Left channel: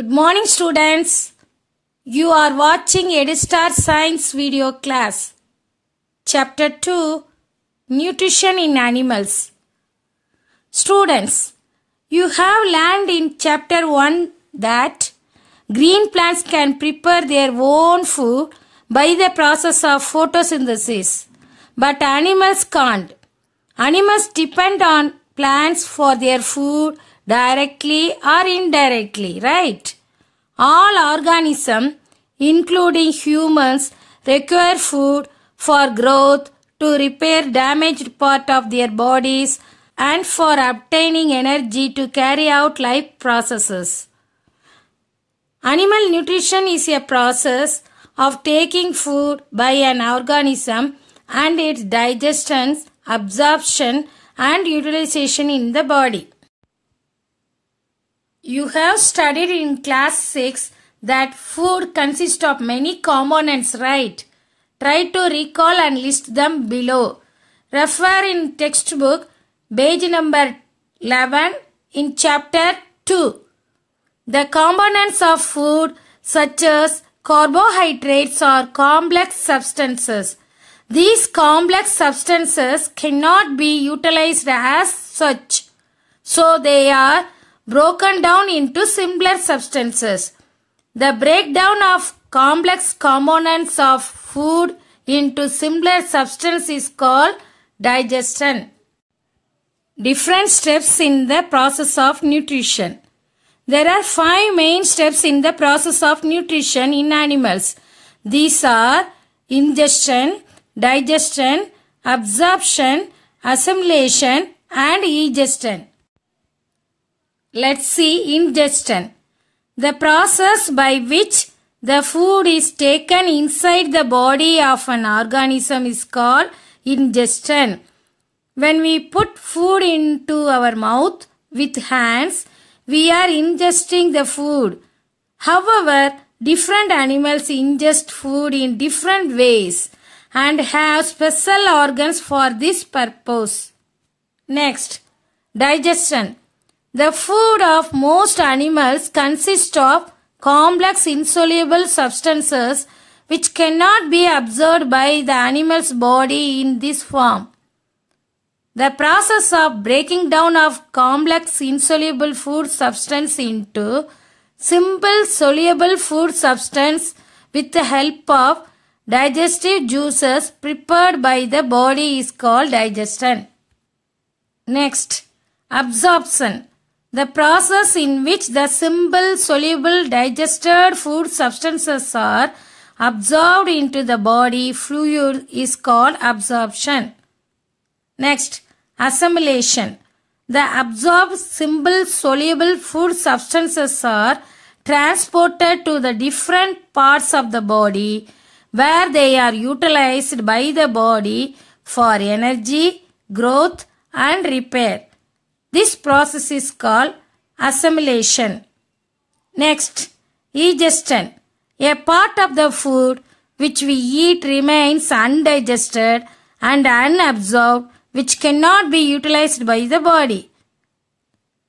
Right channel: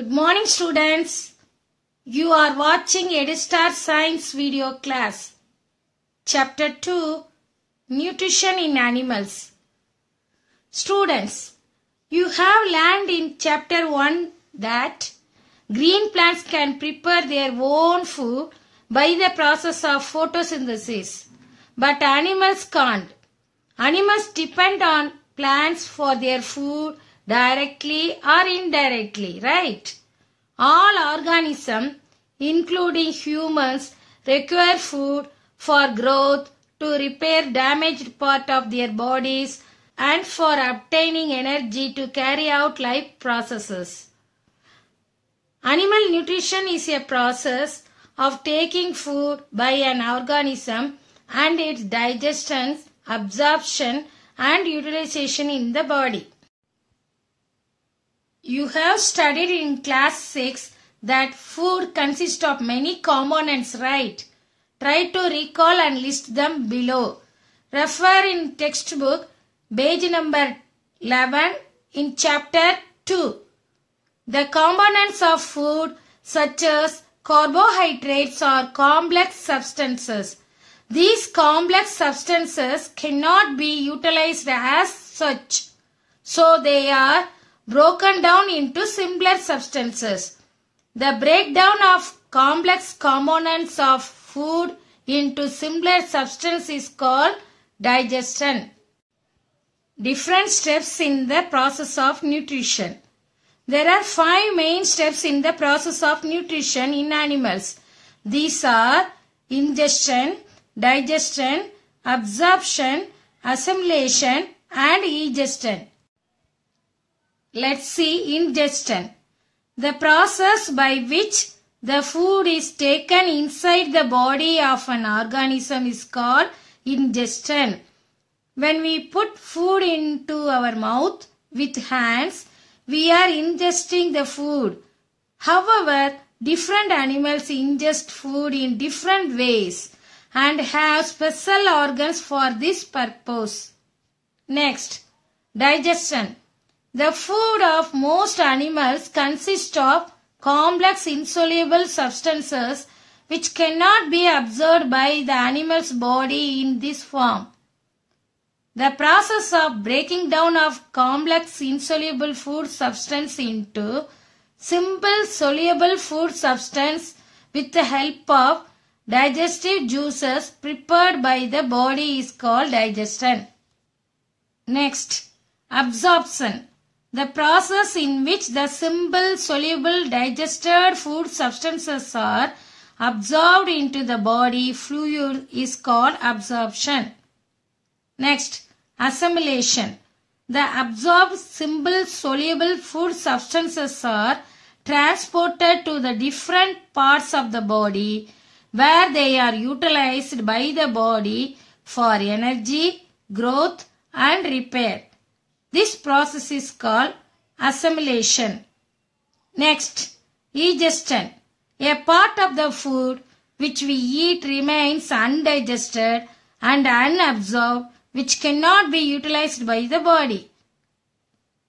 Good morning, students. You are watching EduStar Science video class. Chapter 2, Nutrition in Animals. Students, you have learned in Chapter 1 that green plants can prepare their own food by the process of photosynthesis, but animals can't. Animals depend on plants for their food directly or indirectly, right? All organisms, including humans, require food for growth, to repair damaged part of their bodies, and for obtaining energy to carry out life processes. Animal nutrition is a process of taking food by an organism and its digestion, absorption, and utilization in the body. You have studied in class 6 that food consists of many components, right? Try to recall and list them below. Refer in textbook page number 11 in chapter 2. The components of food such as carbohydrates are complex substances. These complex substances cannot be utilized as such, so they are broken down into simpler substances. The breakdown of complex components of food into simpler substances is called digestion. Different steps in the process of nutrition. There are 5 main steps in the process of nutrition in animals. These are ingestion, digestion, absorption, assimilation, and egestion. Let's see ingestion. The process by which the food is taken inside the body of an organism is called ingestion. When we put food into our mouth with hands, we are ingesting the food. However, different animals ingest food in different ways and have special organs for this purpose. Next, digestion. The food of most animals consists of complex insoluble substances which cannot be absorbed by the animal's body in this form. The process of breaking down of complex insoluble food substance into simple soluble food substance with the help of digestive juices prepared by the body is called digestion. Next, absorption. The process in which the simple soluble digested food substances are absorbed into the body fluid is called absorption. Next, assimilation. The absorbed simple soluble food substances are transported to the different parts of the body where they are utilized by the body for energy, growth, and repair. This process is called assimilation. Next, egestion. A part of the food which we eat remains undigested and unabsorbed, which cannot be utilized by the body.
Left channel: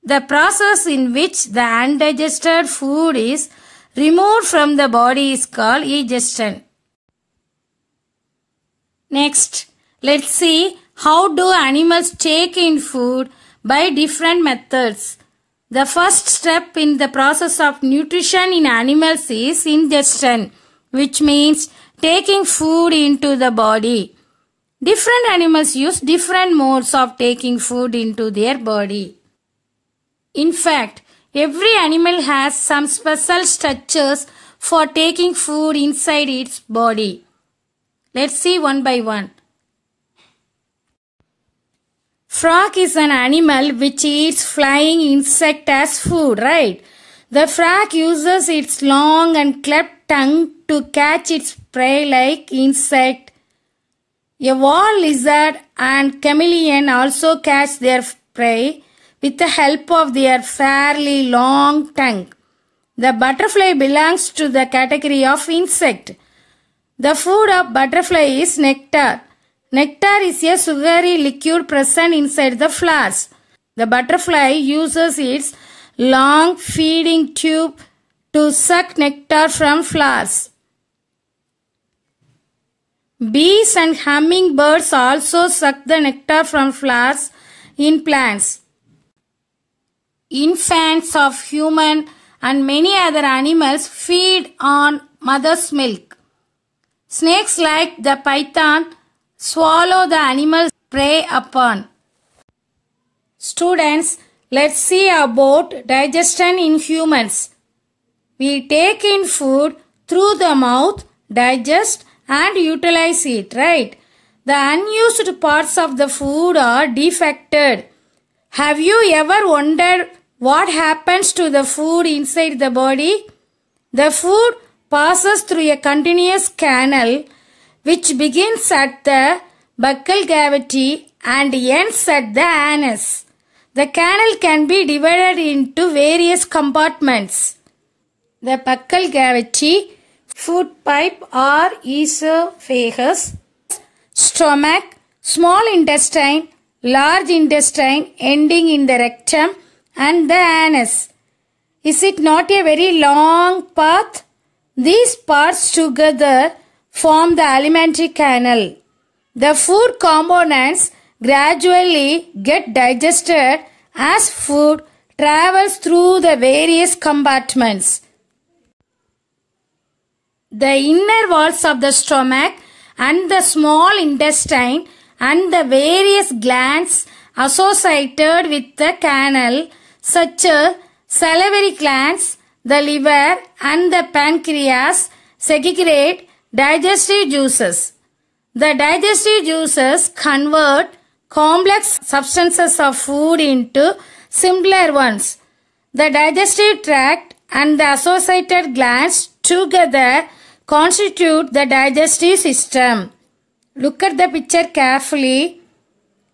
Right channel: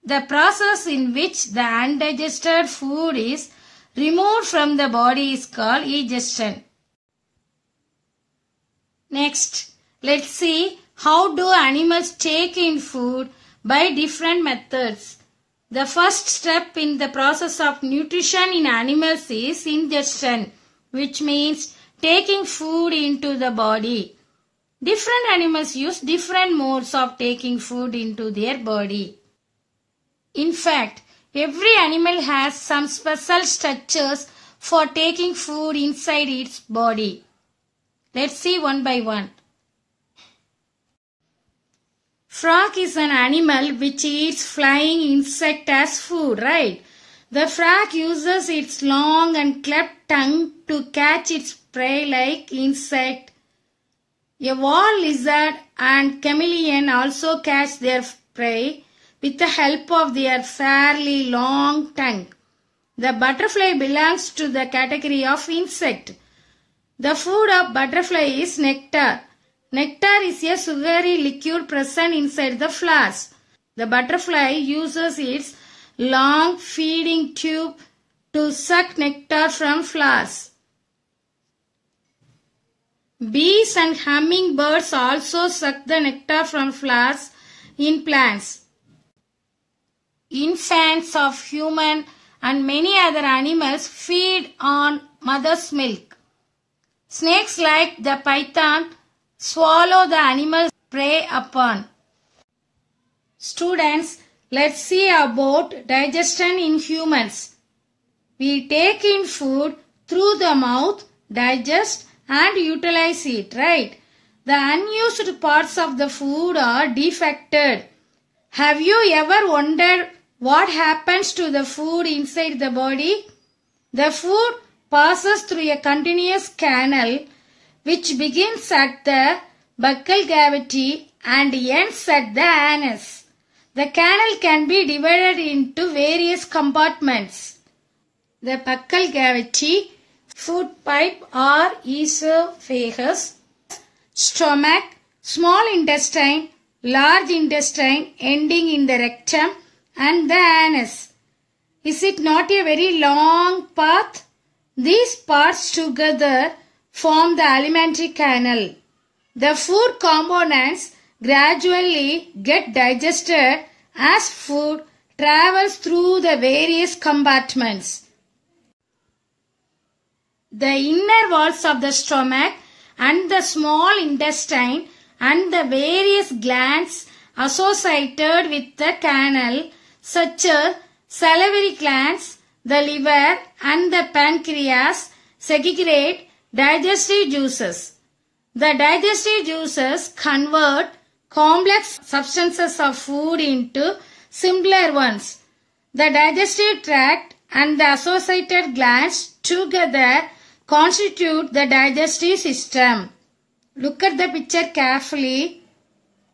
The process in which the undigested food is removed from the body is called egestion. Next, let's see how do animals take in food by different methods. The first step in the process of nutrition in animals is ingestion, which means taking food into the body. Different animals use different modes of taking food into their body. In fact, every animal has some special structures for taking food inside its body. Let's see one by one. Frog is an animal which eats flying insect as food, right? The frog uses its long and cleft tongue to catch its prey like insect. A wall lizard and chameleon also catch their prey with the help of their fairly long tongue. The butterfly belongs to the category of insect. The food of butterfly is nectar. Nectar is a sugary liquid present inside the flowers. The butterfly uses its long feeding tube to suck nectar from flowers. Bees and hummingbirds also suck the nectar from flowers in plants. Infants of human and many other animals feed on mother's milk. Snakes like the python swallow the animals prey upon. Students, let's see about digestion in humans. We take in food through the mouth, digest and utilize it, right? The unused parts of the food are defected. Have you ever wondered what happens to the food inside the body? The food passes through a continuous canal which begins at the buccal cavity and ends at the anus. The canal can be divided into various compartments. The buccal cavity, food pipe or esophagus, stomach, small intestine, large intestine ending in the rectum and the anus. Is it not a very long path? These parts together form the alimentary canal. The food components gradually get digested as food travels through the various compartments. The inner walls of the stomach and the small intestine and the various glands associated with the canal such as salivary glands, the liver and the pancreas segregate digestive juices. The digestive juices convert complex substances of food into simpler ones. The digestive tract and the associated glands together constitute the digestive system. Look at the picture carefully.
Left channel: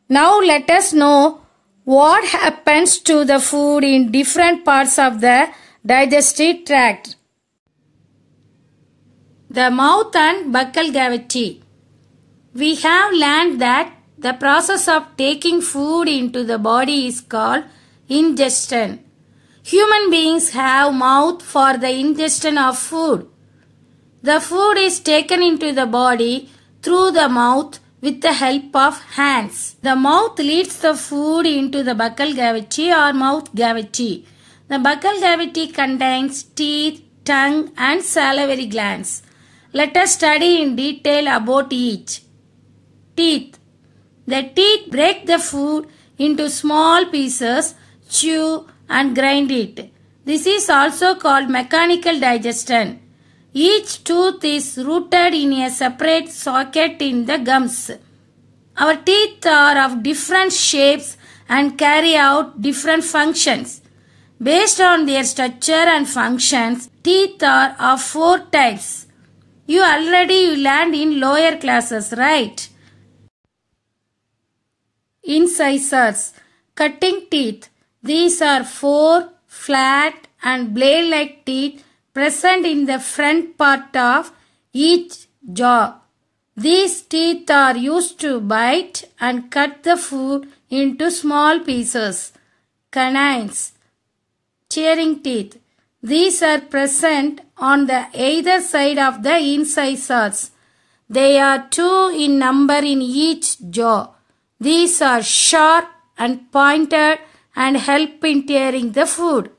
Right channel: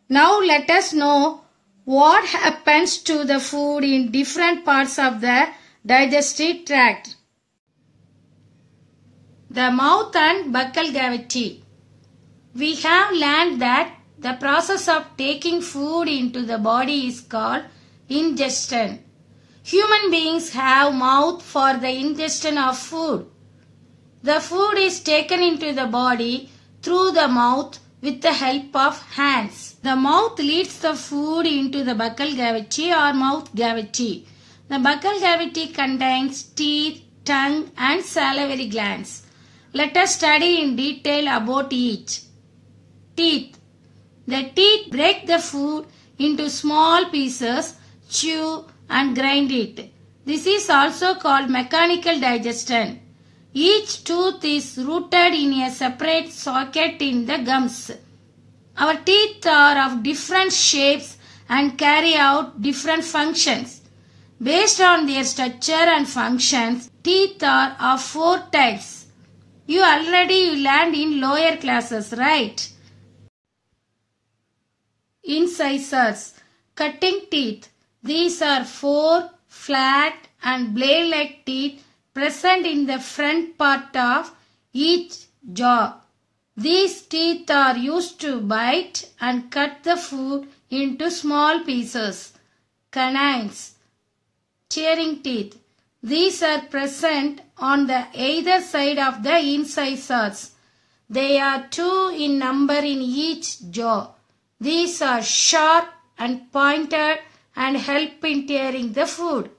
Now let us know what happens to the food in different parts of the digestive tract. The mouth and buccal cavity. We have learned that the process of taking food into the body is called ingestion. Human beings have mouth for the ingestion of food. The food is taken into the body through the mouth with the help of hands. The mouth leads the food into the buccal cavity or mouth cavity. The buccal cavity contains teeth, tongue and salivary glands. Let us study in detail about each. Teeth. The teeth break the food into small pieces, chew and grind it. This is also called mechanical digestion. Each tooth is rooted in a separate socket in the gums. Our teeth are of different shapes and carry out different functions. Based on their structure and functions, teeth are of 4 types. You already learned in lower classes, right? Incisors, cutting teeth. These are 4 flat and blade-like teeth present in the front part of each jaw. These teeth are used to bite and cut the food into small pieces. Canines, tearing teeth. These are present on the either side of the incisors. They are 2 in number in each jaw. These are sharp and pointed and help in tearing the food.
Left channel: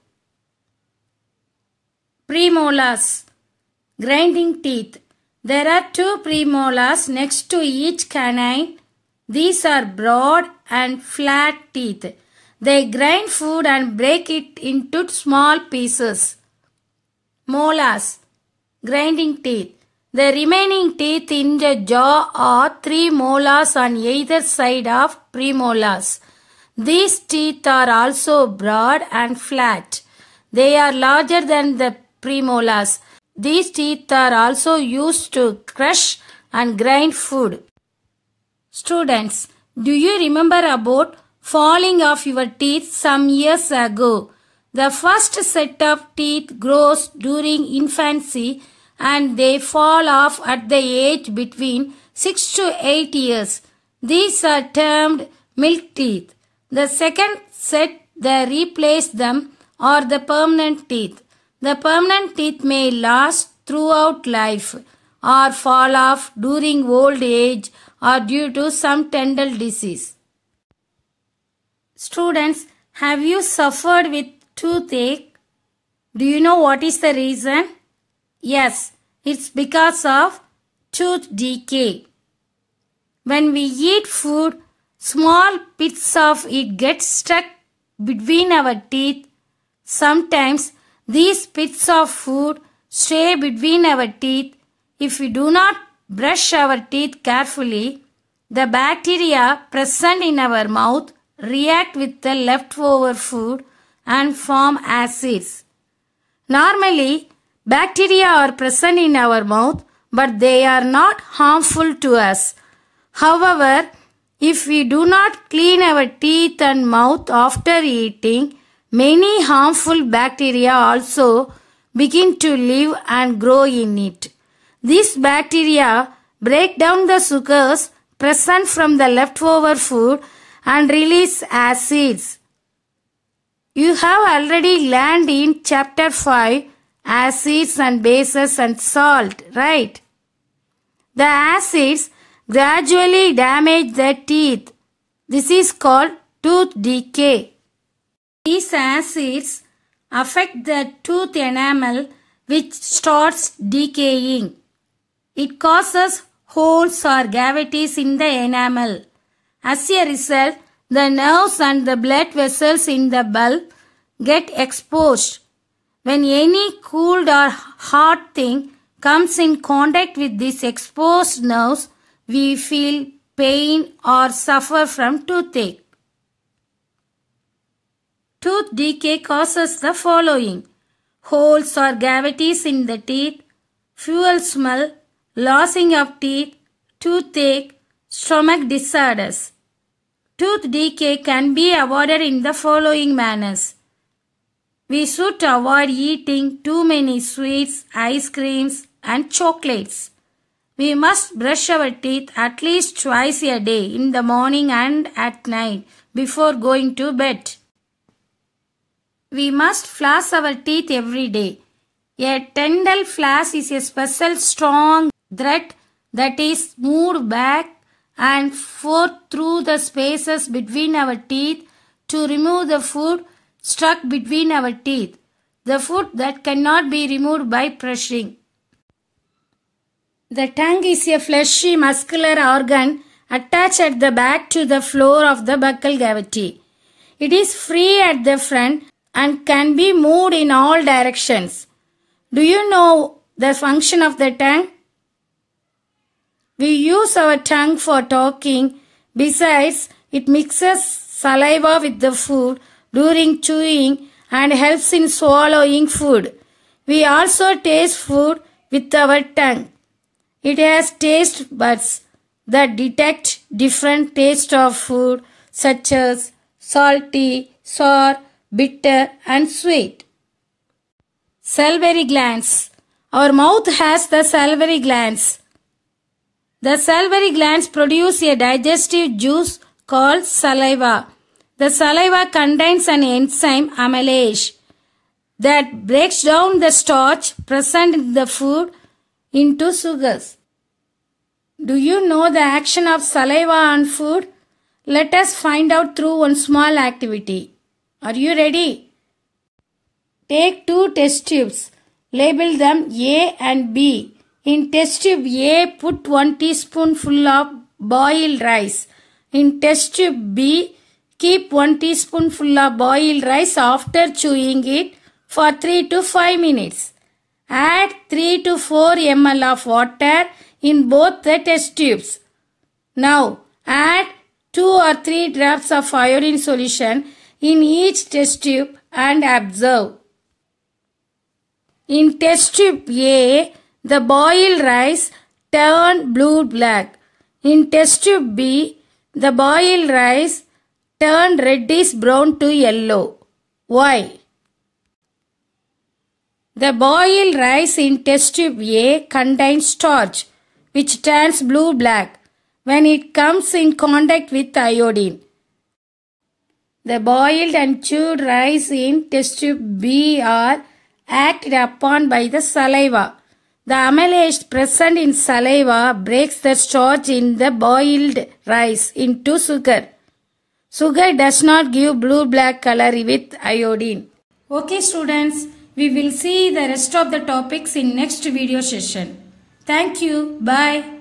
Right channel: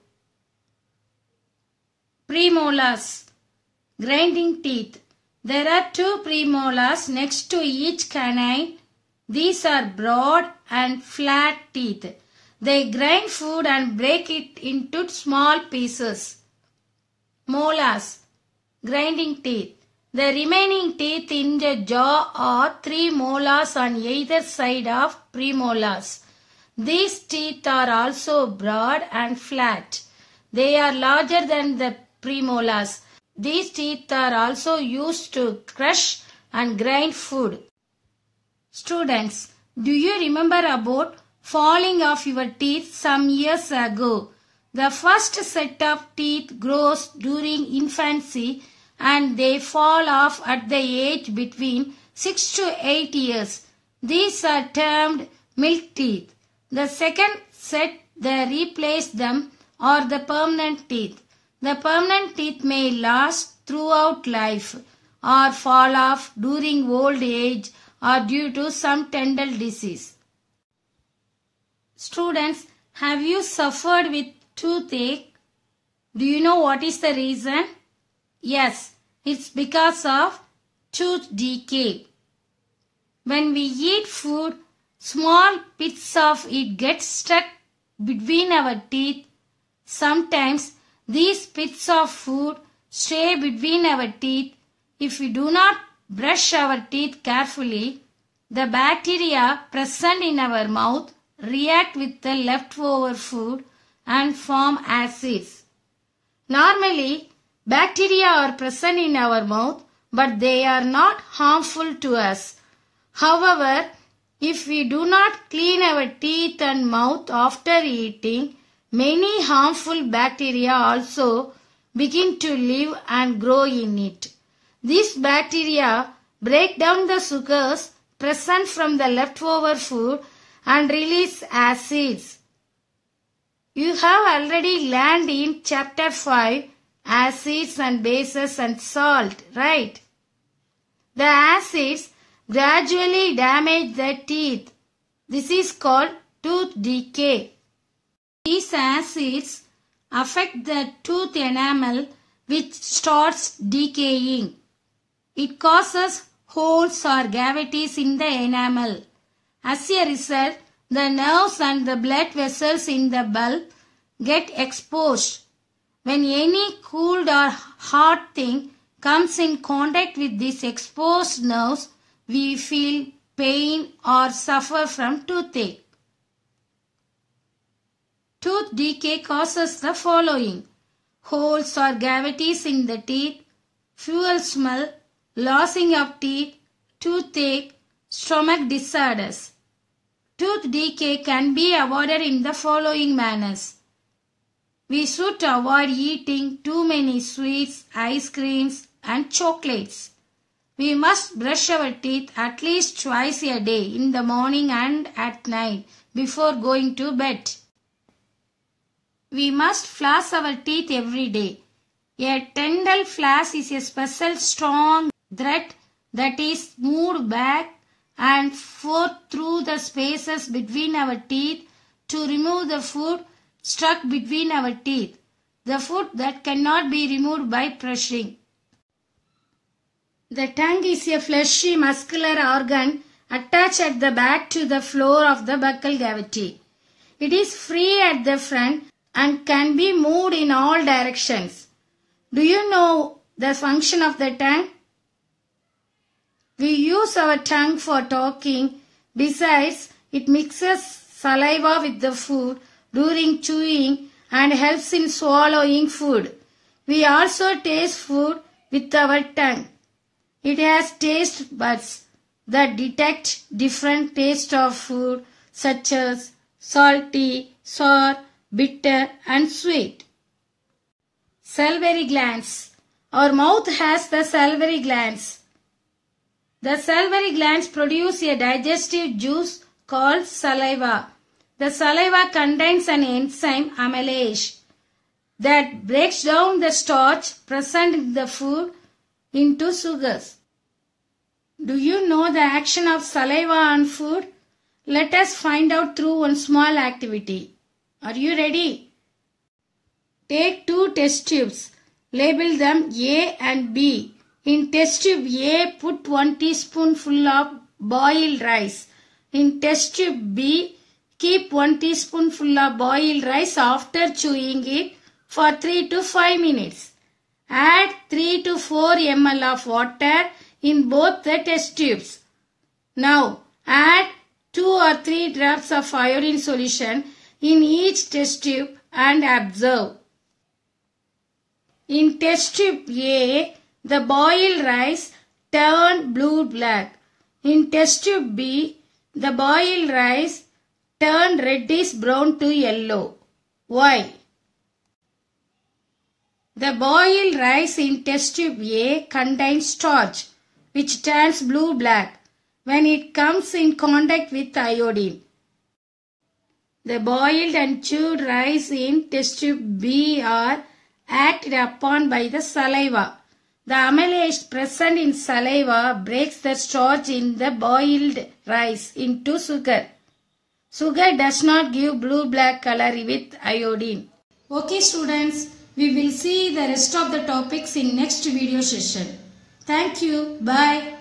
Premolars, grinding teeth. There are 2 premolars next to each canine. These are broad and flat teeth. They grind food and break it into small pieces. Molars, grinding teeth. The remaining teeth in the jaw are 3 molars on either side of premolars. These teeth are also broad and flat. They are larger than the premolars. These teeth are also used to crush and grind food. Students, do you remember about falling of your teeth some years ago? The first set of teeth grows during infancy and they fall off at the age between 6 to 8 years. These are termed milk teeth. The second set that replace them are the permanent teeth. The permanent teeth may last throughout life or fall off during old age or due to some dental disease. Students, have you suffered with toothache? Do you know what is the reason? Yes, it's because of tooth decay. When we eat food, small bits of it get stuck between our teeth. Sometimes these bits of food stay between our teeth. If we do not brush our teeth carefully, the bacteria present in our mouth react with the leftover food and form acids. Normally, bacteria are present in our mouth, but they are not harmful to us. However, if we do not clean our teeth and mouth after eating, many harmful bacteria also begin to live and grow in it. These bacteria break down the sugars present from the leftover food and release acids. You have already learned in chapter 5 acids and bases and salt, right? The acids gradually damage the teeth. This is called tooth decay. These acids affect the tooth enamel, which starts decaying. It causes holes or cavities in the enamel. As a result, the nerves and the blood vessels in the bulb get exposed. When any cold or hot thing comes in contact with these exposed nerves, we feel pain or suffer from toothache. Tooth decay causes the following: holes or cavities in the teeth, foul smell, losing of teeth, toothache, stomach disorders. Tooth decay can be avoided in the following manners. We should avoid eating too many sweets, ice creams, and chocolates. We must brush our teeth at least twice a day, in the morning and at night, before going to bed. We must floss our teeth every day. A dental floss is a special strong thread that is moved back and forth through the spaces between our teeth to remove the food stuck between our teeth, the food that cannot be removed by brushing. The tongue is a fleshy muscular organ attached at the back to the floor of the buccal cavity. It is free at the front and can be moved in all directions. Do you know the function of the tongue? We use our tongue for talking. Besides, it mixes saliva with the food during chewing and helps in swallowing food. We also taste food with our tongue. It has taste buds that detect different tastes of food such as salty, sour, bitter and sweet. Salivary glands. Our mouth has the salivary glands. The salivary glands produce a digestive juice called saliva. The saliva contains an enzyme amylase that breaks down the starch present in the food into sugars. Do you know the action of saliva on food? Let us find out through one small activity. Are you ready? Take two test tubes. Label them A and B. In test tube A, put 1 teaspoonful of boiled rice. In test tube B, keep 1 teaspoonful of boiled rice after chewing it for 3 to 5 minutes. Add 3 to 4 ml of water in both the test tubes. Now, add 2 or 3 drops of iodine solution in each test tube and observe. In test tube A, the boiled rice turned blue-black. In test tube B, the boiled rice turned reddish brown to yellow. Why? The boiled rice in test tube A contains starch, which turns blue-black when it comes in contact with iodine. The boiled and chewed rice in test tube B are acted upon by the saliva. The amylase present in saliva breaks the starch in the boiled rice into sugar. Sugar does not give blue-black color with iodine. Okay students, we will see the rest of the topics in next video session. Thank you. Bye.